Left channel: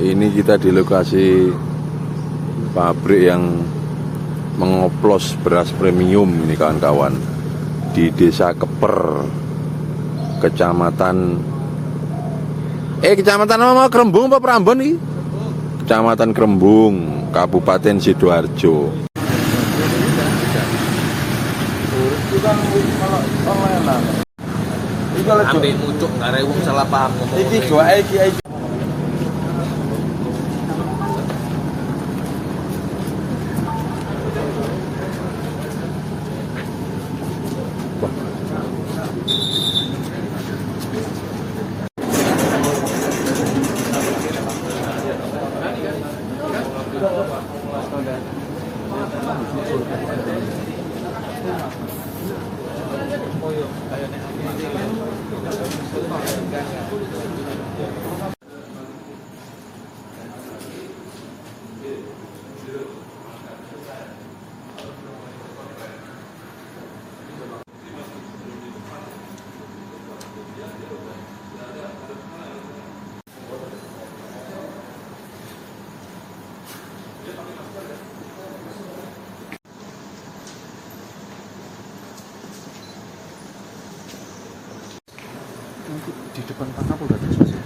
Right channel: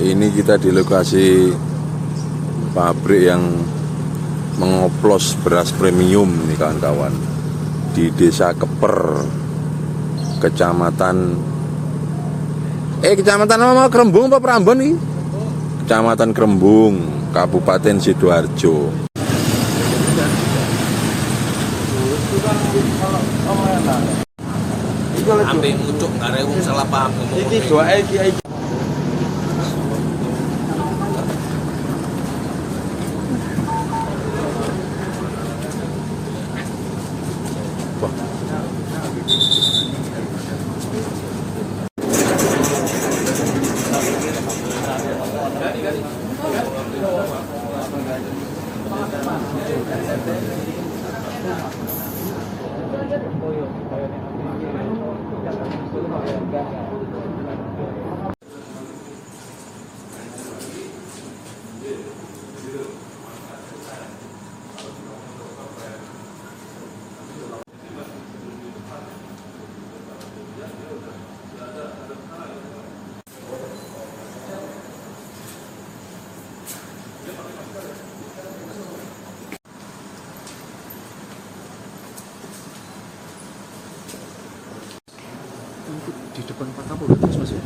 Ini kita di lokasi pabrik yang mengoplos beras premium nih kawan-kawan, di Desa Keper, Kecamatan apa? Krembung apa Prambon nih? Kecamatan Krembung, Kabupaten Sidoarjo. Ambil mucuk arek wong salah paham ngomong. Iki doae iki. Di depan kota politik sosial.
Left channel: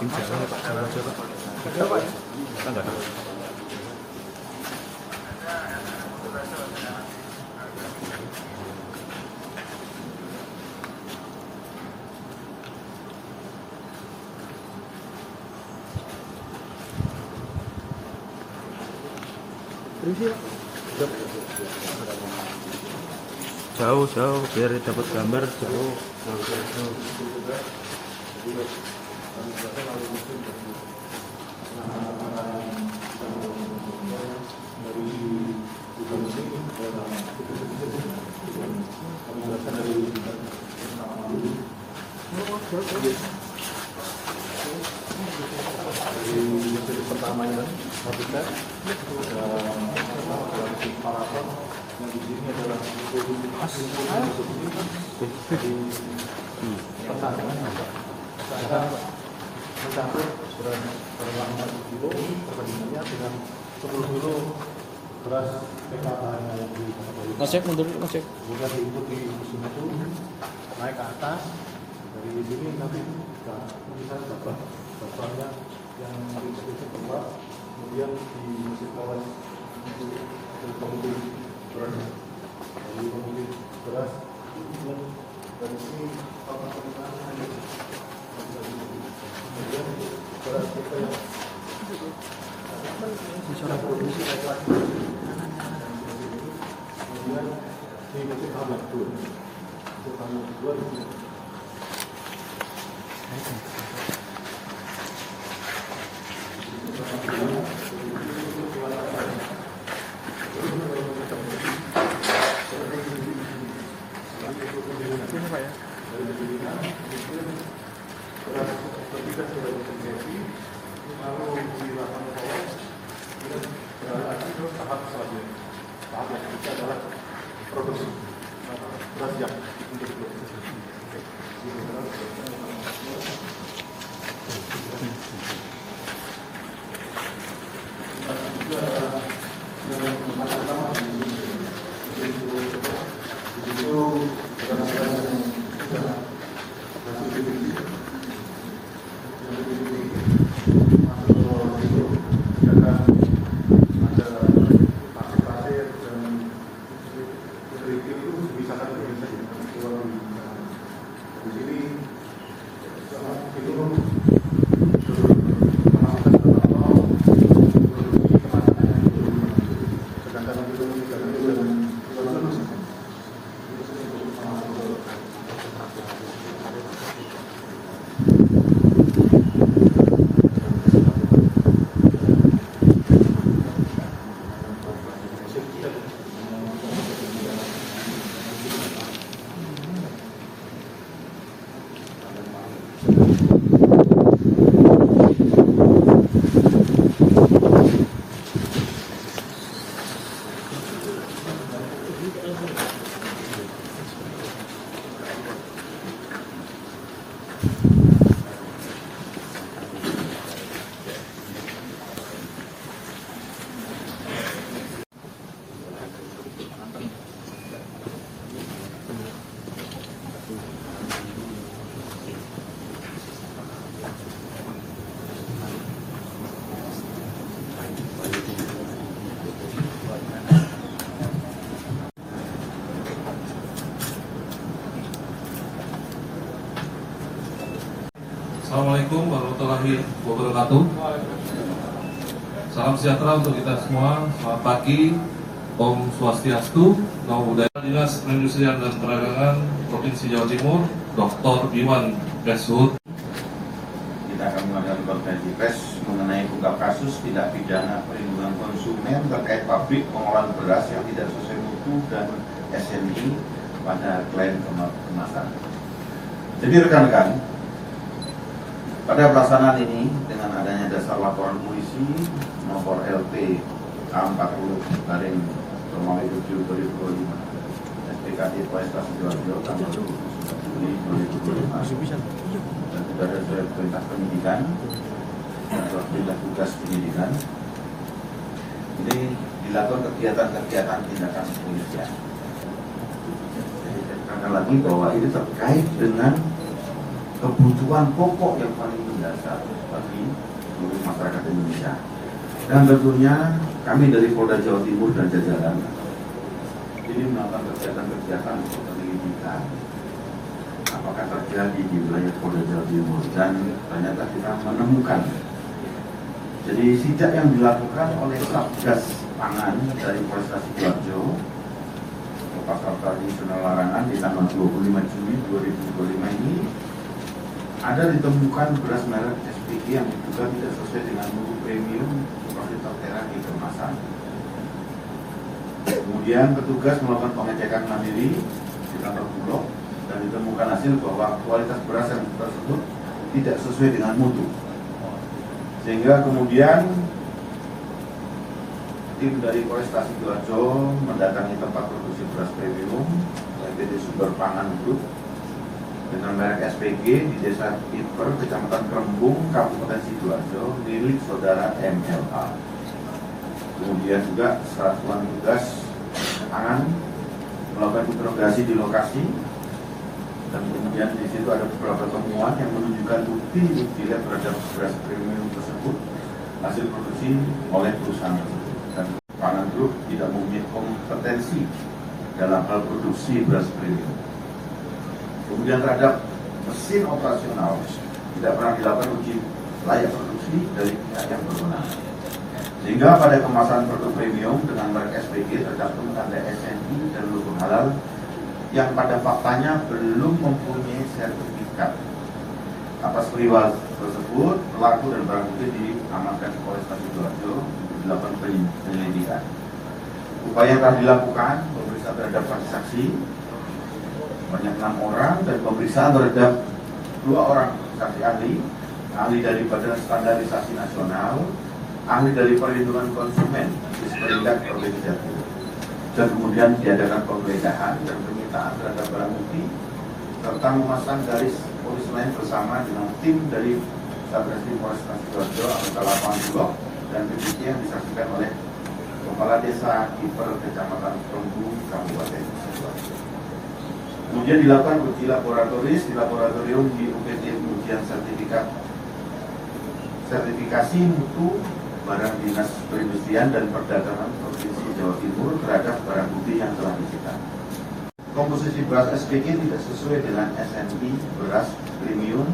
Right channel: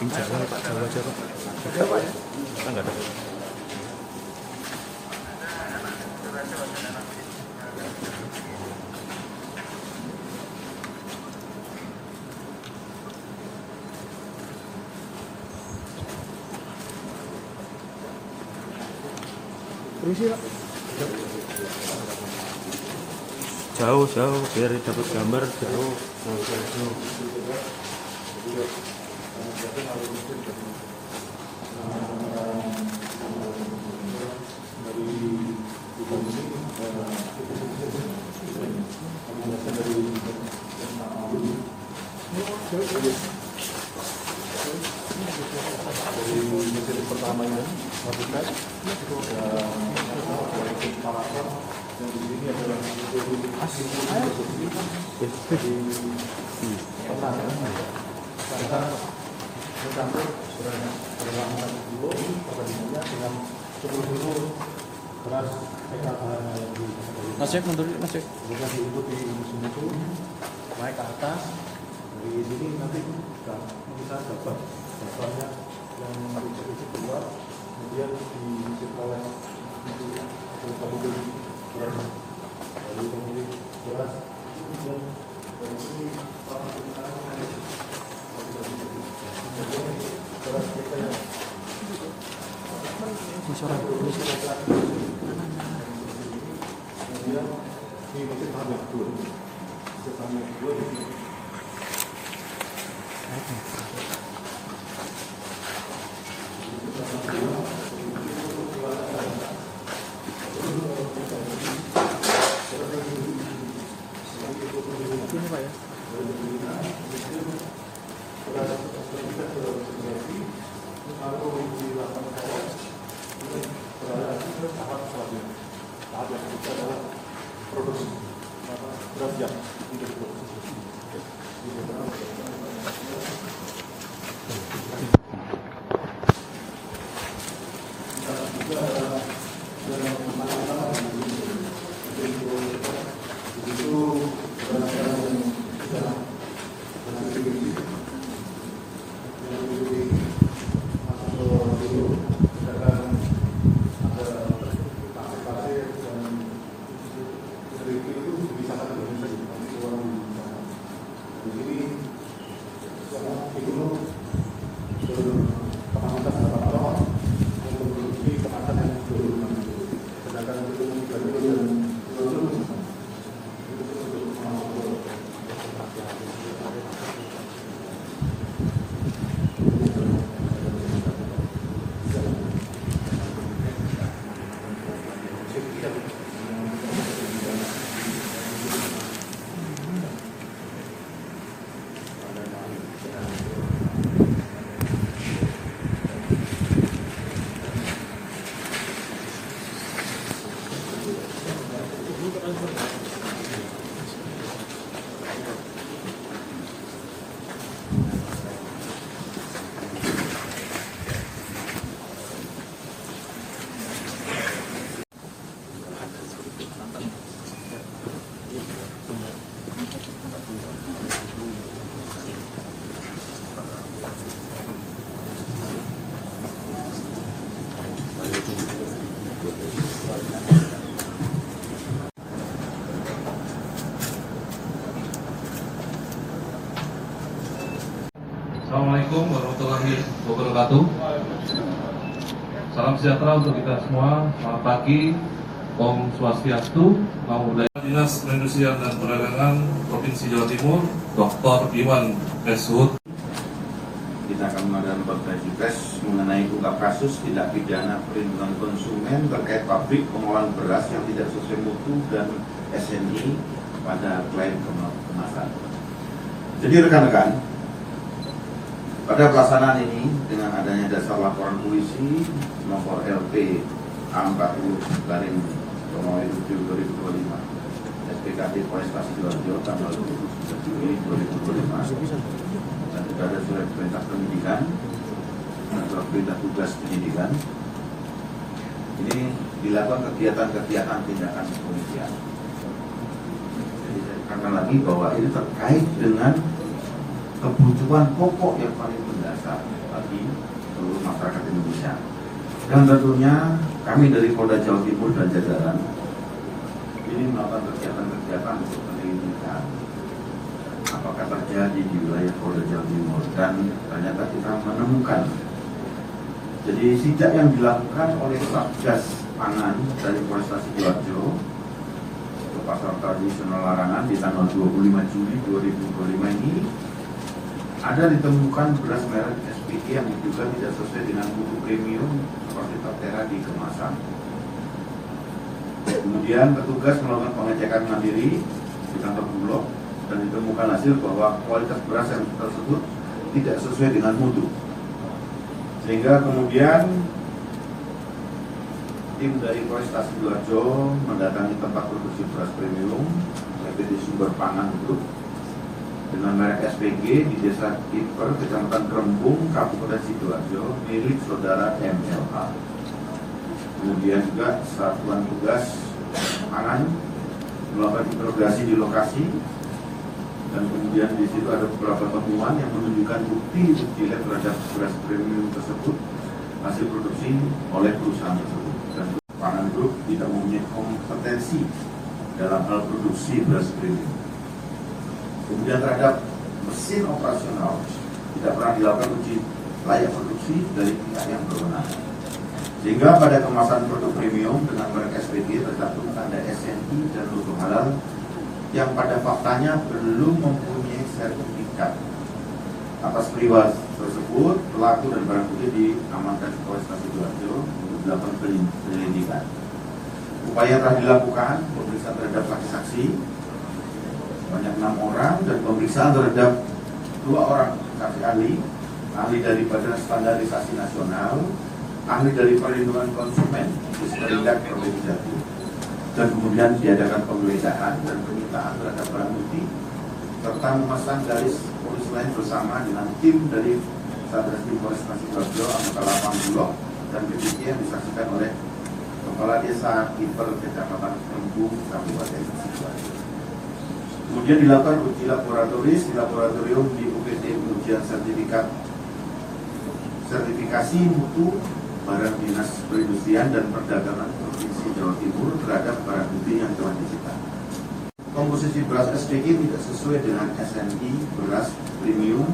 Jawa Pak, Jawa aja Pak. Jawa Pak ya? Enggak ada. Jauh biar dapat gambar jauh. Dari pertama ini habitat maraton yang di sini adalah mencampur berwarna kilo perbandingannya dengan 10 kilo beras PKH yang di Nasib mundur Nasib bukan diikuti mesin itu naik ke atas dari sini nanti kita bisa dapat dasarnya yang itu keluar kemudian diisi oleh komoditi beras dari komoditi beras kemudian dari sini beras kita yang kemudian ini mesin tahap yang kedua di sini. Ini Pak ya. Lalu dilakukan berarti itu tahap selanjutnya. Tahap yang ketiga adalah produksi beras yang untuk produksi. Assalamualaikum warahmatullahi wabarakatuh. Salam sejahtera untuk kita semua. Selamat pagi, Om Swastiastu, Namo Buddhaya. Dinas Perindustrian dan Perdagangan Provinsi Jawa Timur, Dr. Iwan Pesut. Kita akan mengadakan konferensi pers mengenai ungkap kasus tindak pidana perlindungan konsumen terkait pabrik pengolahan beras yang tidak sesuai mutu dan SNI pada klaim kemasan. Jadi rekan-rekan, pada pelaksanaan ini dengan adanya dasar laporan polisi nomor LP A40/2025 SPKT Polresta Sidoarjo tanggal 7 Juli 2025 dan sudah ada surat perintah penyidikan dan surat perintah tugas penyidikan. Ini dilakukan kegiatan-kegiatan tindakan kepolisian. Jadi saya katakan lagi bahwa ini terkait dengan kebutuhan pokok yang paling mendasar bagi seluruh masyarakat Indonesia. Dan tentunya kami dari Polda Jawa Timur dan jajaran ini melakukan kegiatan-kegiatan untuk penyelidikan apakah terjadi di wilayah Polda Jawa Timur, dan ternyata kita menemukan. Jadi sidak yang dilakukan oleh Satgas Pangan dari Polresta Sidoarjo ke pasar tradisional Larangan di tanggal 25 Juli 2025 ini ada ditemukan beras merek SPG yang juga tidak sesuai dengan mutu premium seperti tertera di kemasan. Kemudian petugas melakukan pengecekan mandiri di kantor Bulog dan ditemukan hasil bahwa kualitas beras yang tersebut tidak sesuai dengan mutu. Sehingga kemudian tim dari Polresta Sidoarjo mendatangi tempat produksi beras premium PT Sumber Pangan Group dengan merek SPG di Desa Tiper, Kecamatan Kerembung, Kabupaten Sidoarjo, milik saudara MLA. Kemudian juga Satuan Tugas Pangan melakukan interogasi di lokasi, dan kemudian di situ ada beberapa temuan yang menunjukkan bukti lab terhadap beras premium tersebut hasil produksi oleh perusahaan itu, dan Pangan Group tidak mempunyai kompetensi dalam hal produksi beras premium. Kemudian terhadap mesin operasional tidak pernah dilakukan uji layak produksi dari pihak yang berwenang. Sehingga pada kemasan produk premium dengan merek SPG tercantum tanda SNI dan logo halal yang pada faktanya belum mempunyai sertifikat. Atas peristiwa tersebut, pelaku dan barang bukti diamankan Polresta Sidoarjo untuk dilakukan penyelidikan. Upaya yang telah dilakukan pemeriksaan terhadap saksi-saksi banyak 6 orang, dan pemeriksaan terhadap 2 orang saksi ahli dari Badan Standarisasi Nasional, ahli dari Perlindungan Konsumen, Disperindak Provinsi Jawa Timur. Dan kemudian diadakan penggeledahan dan penyitaan terhadap barang bukti serta memasang garis polis lain bersama dengan tim dari Satreskrim Polresta Sidoarjo anggota lapangan Bulog dan demikian disaksikan oleh Kepala Desa Kiper Kecamatan Krembung Kabupaten Sidoarjo. Kemudian dilakukan uji laboratoris di laboratorium di UPT ujian sertifikasi mutu barang dinas perindustrian dan perdagangan Provinsi Jawa Timur terhadap barang bukti yang telah disita. Komposisi beras SPG tidak sesuai dengan SNI beras premium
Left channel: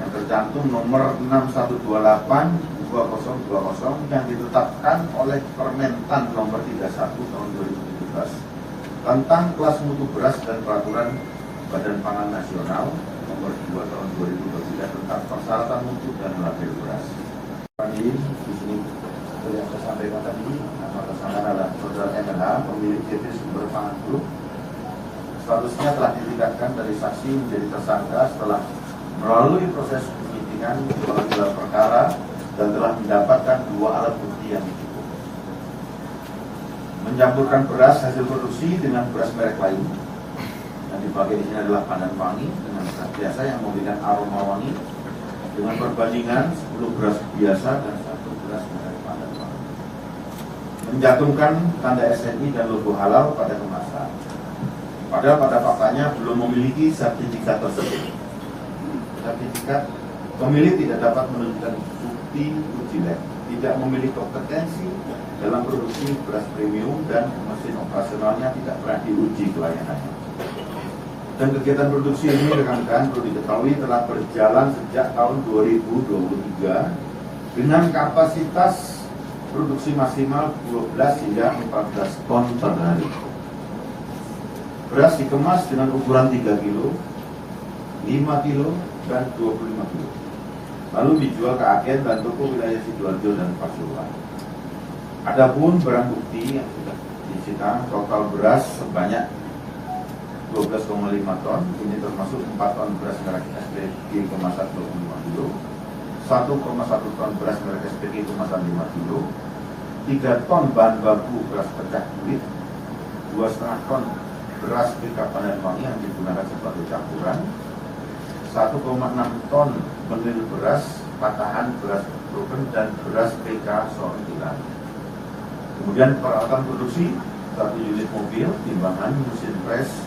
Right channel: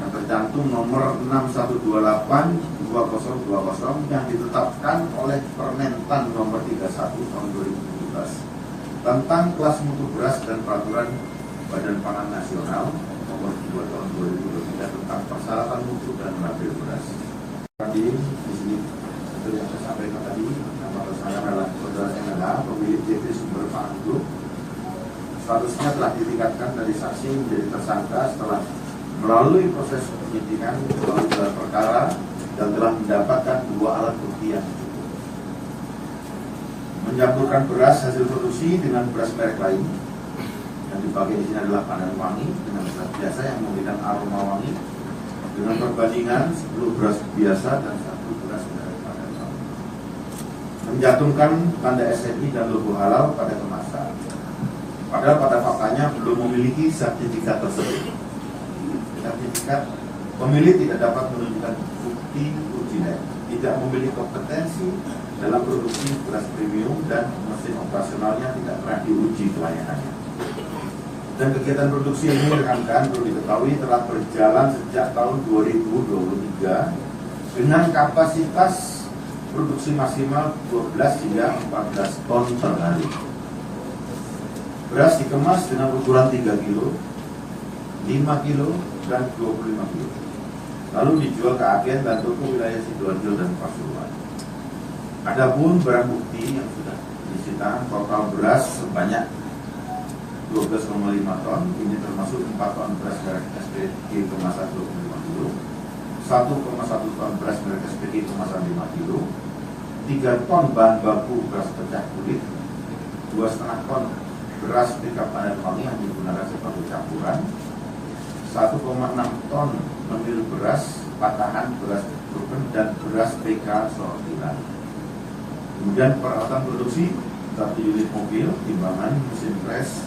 yang tercantum nomor 6128/2020 yang ditetapkan oleh Permentan nomor 31 tahun 2017 tentang kelas mutu beras dan peraturan Badan Pangan Nasional nomor 2 tahun 2023 tentang persyaratan mutu dan label beras. Di sini seperti yang saya sampaikan tadi, nama tersangka adalah Saudara MLH, pemilik PT Sumber Pangan Group. Statusnya telah ditingkatkan dari saksi menjadi tersangka setelah melalui proses penyidikan dalam gelar perkara dan telah mendapatkan 2 alat bukti yang cukup. Mencampurkan beras hasil produksi dengan beras merek lain yang dipakai di sini adalah pandan wangi dengan beras biasa yang memberikan aroma wangi dengan perbandingan 10 beras biasa dan 1 beras merek pandan wangi. Mencantumkan tanda SNI dan logo halal pada kemasan. Padahal pada faktanya belum memiliki sertifikat tersebut. Sertifikat pemilik tidak dapat menunjukkan bukti uji lab, tidak memiliki kompetensi dalam produksi beras premium dan mesin operasionalnya tidak pernah diuji pelayanannya. Dan kegiatan produksi ini rekan-rekan perlu diketahui telah berjalan sejak tahun 2023 dengan kapasitas produksi maksimal 12 hingga 14 ton per hari. Beras dikemas dengan ukuran 3 kilo, 5 kilo, dan 25 kilo. Lalu dijual ke agen dan toko wilayah Sidoarjo dan Pasuruan. Adapun barang bukti yang sudah disita total beras sebanyak 12,5 ton, ini termasuk 4 ton beras merek SPG kemasan 25 kilo, 1,1 ton beras merek SPG kemasan 5 kilo, 3 ton bahan baku beras pecah kulit, 2,5 ton beras pickup pandan wangi yang digunakan sebagai campuran, 1,6 ton menil beras patahan beras broken dan beras PK sortiran. Kemudian peralatan produksi 1 unit mobil, timbangan, mesin pres,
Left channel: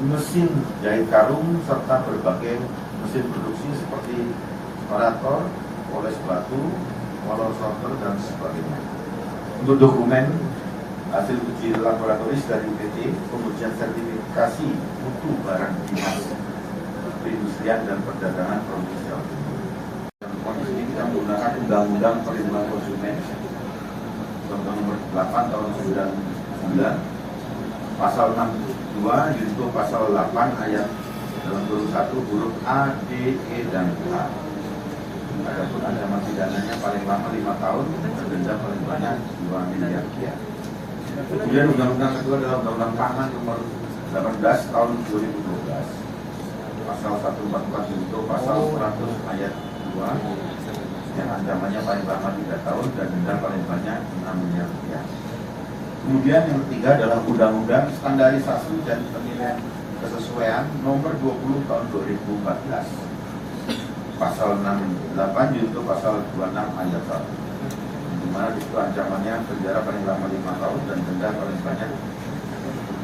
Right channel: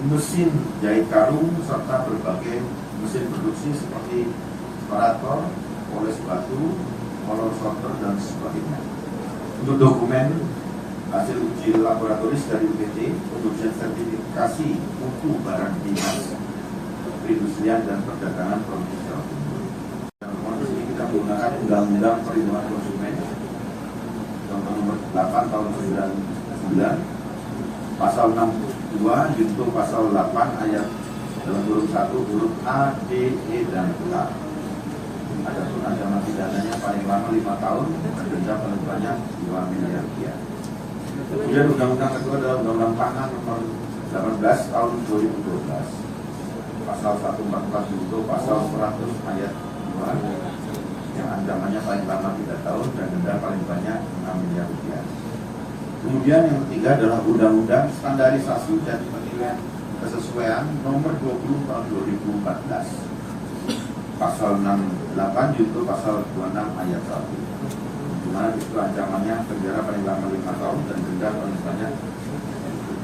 mesin jahit karung serta berbagai mesin produksi seperti separator, poles batu, molor sorter dan sebagainya. Untuk dokumen hasil uji laboratoris dari UPT pengujian sertifikasi mutu barang dinas perindustrian dan perdagangan Provinsi Jawa Timur. Di sini kita menggunakan Undang-Undang Perlindungan Konsumen nomor 8 tahun 99 pasal 62 junto pasal 8 ayat dalam huruf 1 huruf A, D, E dan K. Adapun ancaman pidananya paling lama 5 tahun dan denda paling banyak 2 miliar rupiah. Kemudian undang-undang kedua adalah Undang-Undang Pangan nomor 18 tahun 2012 pasal 144 junto pasal 100 ayat 2 yang ancamannya paling lama 3 tahun dan denda paling banyak 6 miliar rupiah. Kemudian yang ketiga adalah Undang-Undang Standarisasi dan Penilaian Kesesuaian nomor 20 tahun 2014 pasal 68 junto pasal 26 ayat 1 di mana itu ancamannya penjara paling lama 5 tahun dan denda paling banyak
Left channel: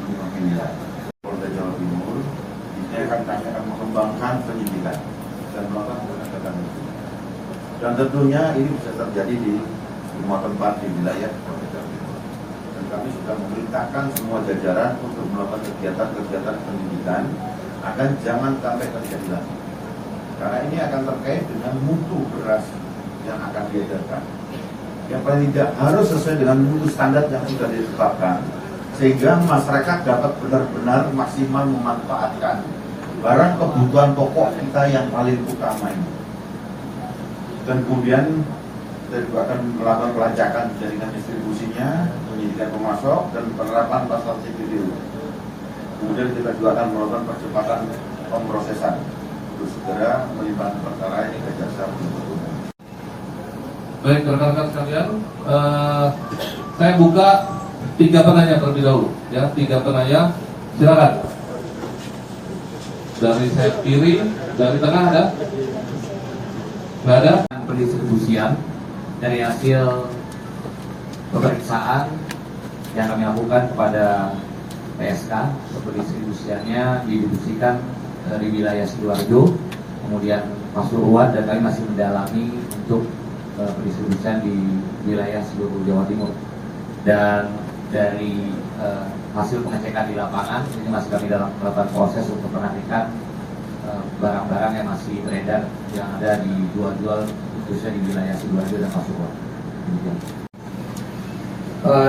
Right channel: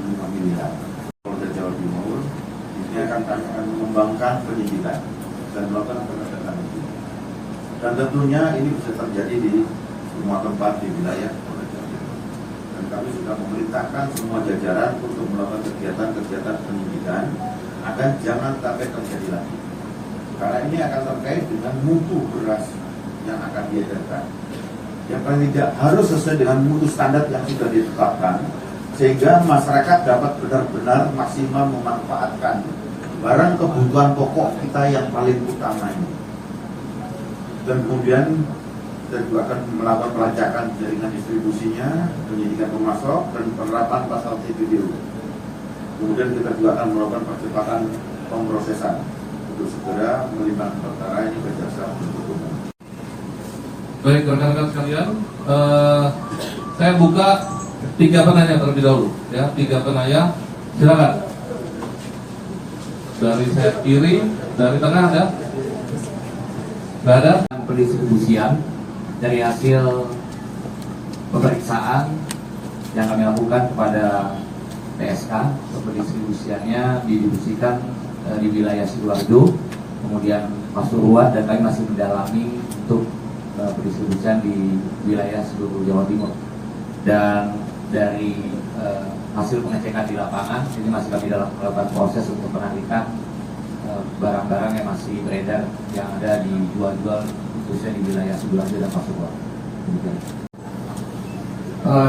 5 miliar. Polda Jawa Timur ini akan mengembangkan penyidikan dan melakukan penegakan hukum. Dan tentunya ini bisa terjadi di semua tempat di wilayah Polda Jawa Timur. Dan kami sudah memerintahkan semua jajaran untuk melakukan kegiatan-kegiatan penyidikan agar jangan sampai terjadi lagi. Karena ini akan terkait dengan mutu beras yang akan diedarkan. Yang paling tidak harus sesuai dengan mutu standar yang sudah ditetapkan, sehingga masyarakat dapat benar-benar maksimal memanfaatkan barang kebutuhan pokok kita yang paling utama ini. Dan kemudian kita juga akan melakukan pelacakan jaringan distribusinya, penyidikan pemasok, dan penerapan pasal TPDU. Kemudian kita juga akan melakukan percepatan pemrosesan untuk segera melimpahkan perkara ini ke jaksa penuntut umum. Baik, rekan-rekan sekalian, saya buka 3 penanya terlebih dahulu, ya, 3 penanya, silakan. dari sayap kiri, dari tengah ada? Nggak ada? Pendistribusian dari hasil pemeriksaan yang kami lakukan kepada PSK, pendistribusiannya didistribusikan di wilayah Sidoarjo, kemudian Pasuruan, dan kami masih mendalami untuk pendistribusian di wilayah seluruh Jawa Timur. Dan dari hasil pengecekan di lapangan, ini masih kami dalam melakukan proses untuk menantikan barang-barang yang masih beredar yang ada dijual-jual khususnya di wilayah Sidoarjo dan Pasuruan.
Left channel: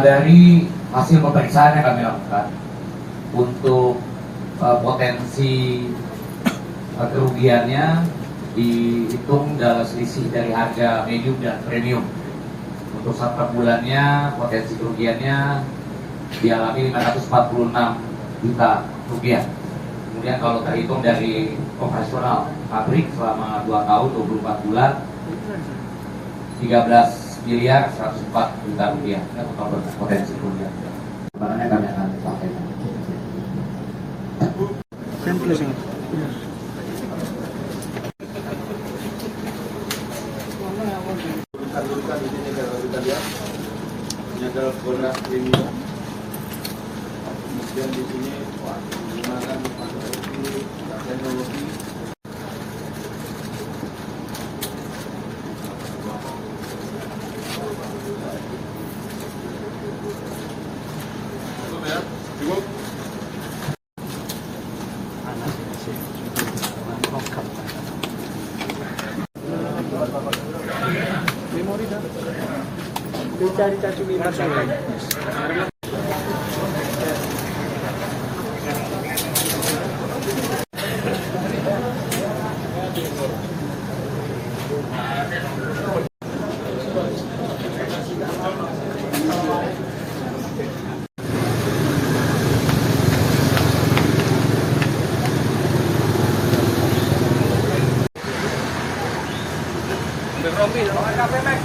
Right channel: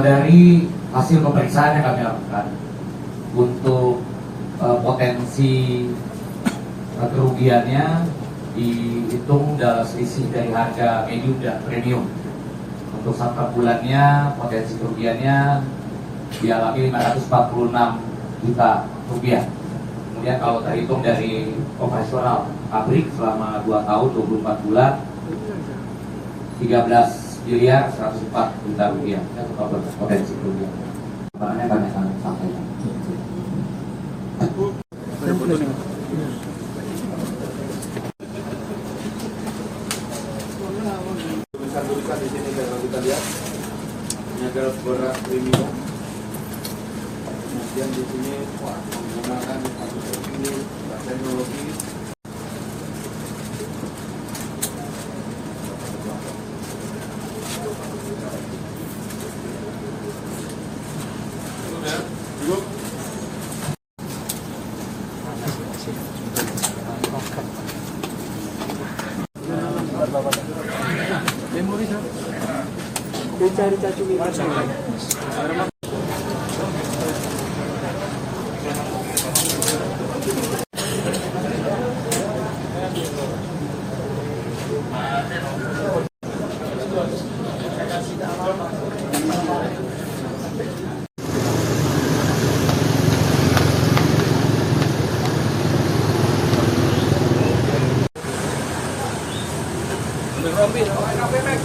Dari hasil pemeriksaan yang kami lakukan untuk potensi kerugiannya dihitung dalam selisih dari harga medium dan premium. Untuk 1 bulannya potensi kerugiannya dialami 546 juta rupiah. Kemudian kalau terhitung dari operasional pabrik selama 2 tahun 24 bulan 13 miliar 104 juta rupiah total potensi kerugian. Sebenarnya banyak kami sampaikan. Tulisan di sini kalau kita lihat ini adalah beras premium. Kemudian di sini menggunakan teknologi. Cari cacing ini. Được không? Bị nó nói cà phê mày.